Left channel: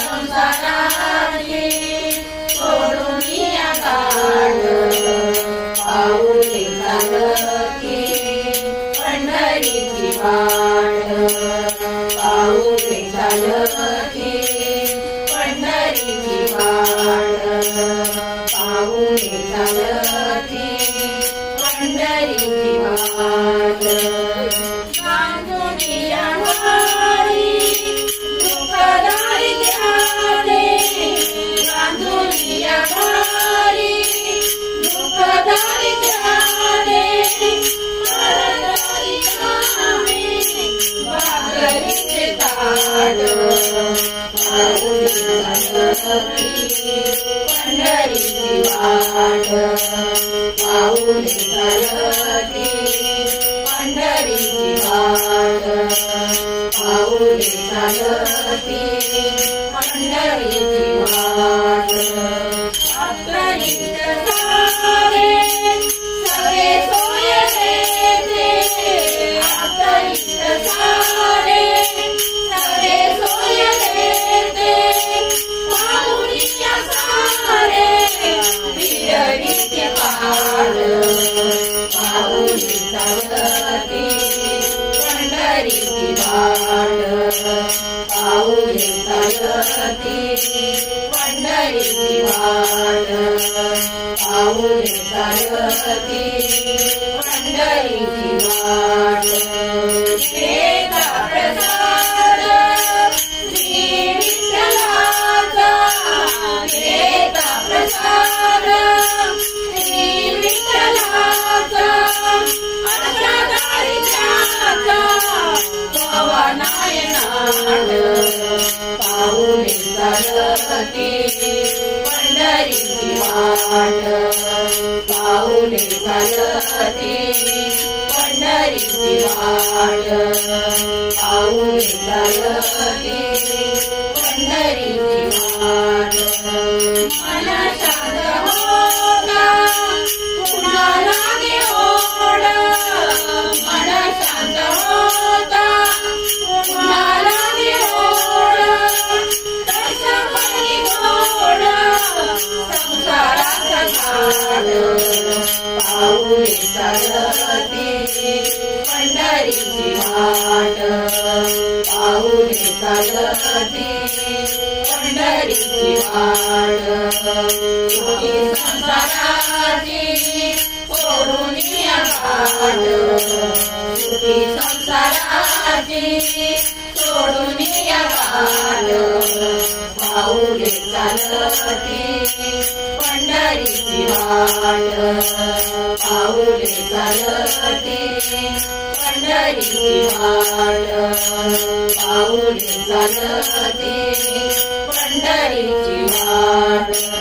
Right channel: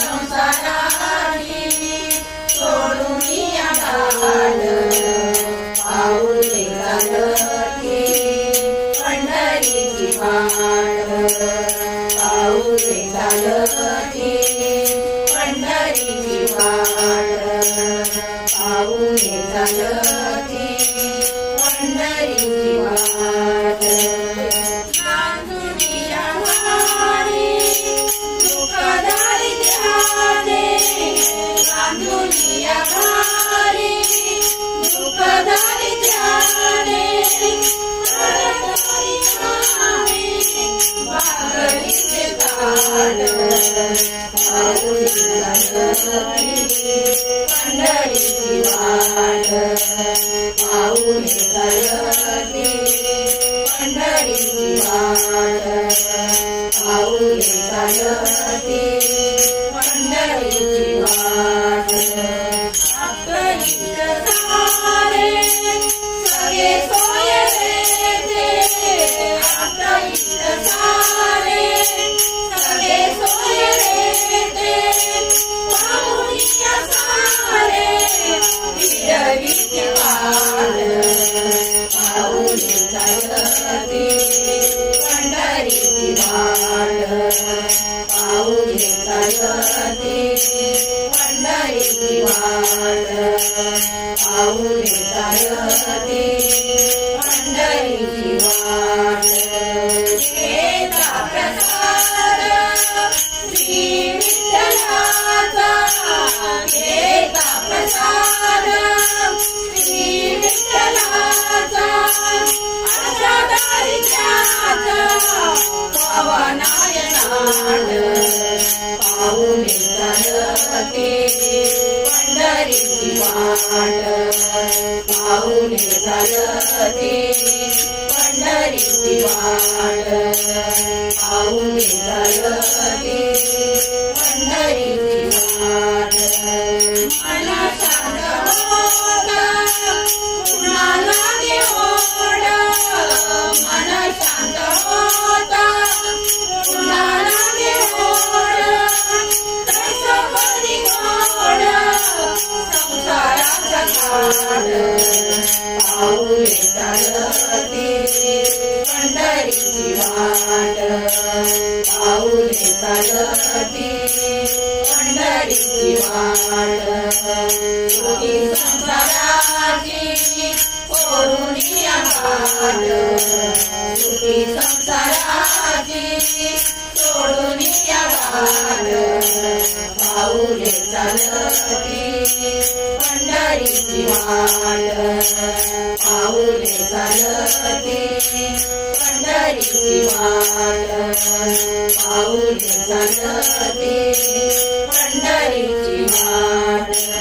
संसाराची सोडून या घाट पाऊले चालती पंढरीची वाट पाऊले चालती पंढरीची वाट पाऊले चालती पंढरीची वाट गांधुनिया वारी दुःखदारी ध्याने गांधुनिया वारी दुःखदारी ध्याने परदारी आम्ही भागरीचे ताट पाऊले चालती पंढरीची वाट पाऊले चालती पंढरीची वाट पाऊले चालती पंढरीची वाट आपल्या सारे सगळे सोय देते आपल्या सारे सगळे सोय देते पाऊलिया सारे विरळीचे वाट पाऊले चालती पंढरीची वाट पाऊले चालती पंढरीची वाट पाऊले चालती पंढरीची वाट घेता प्रसाद श्री विठ्ठलाचा घेता प्रसाद श्री विठ्ठलाचा आशा दारिद्र्याचा पवनायनाट पाऊले चालती पंढरीची वाट पाऊले चालती पंढरीची वाट पाऊले चालती पंढरीची वाट मला शांत होता पुन्हा लागे ओढ मला शांत होता पुन्हा लागे ओढ तसं परी गोड संसाराचा घाट पाऊले चालती पंढरीची वाट पाऊले चालती पंढरीची वाट सुखी संसाराची सोडून या घाट सुखी संसाराची सोडून या घाट पाऊले चालती पंढरीची वाट पाऊले चालती पंढरीची वाट पाऊले चालती पंढरीची वाट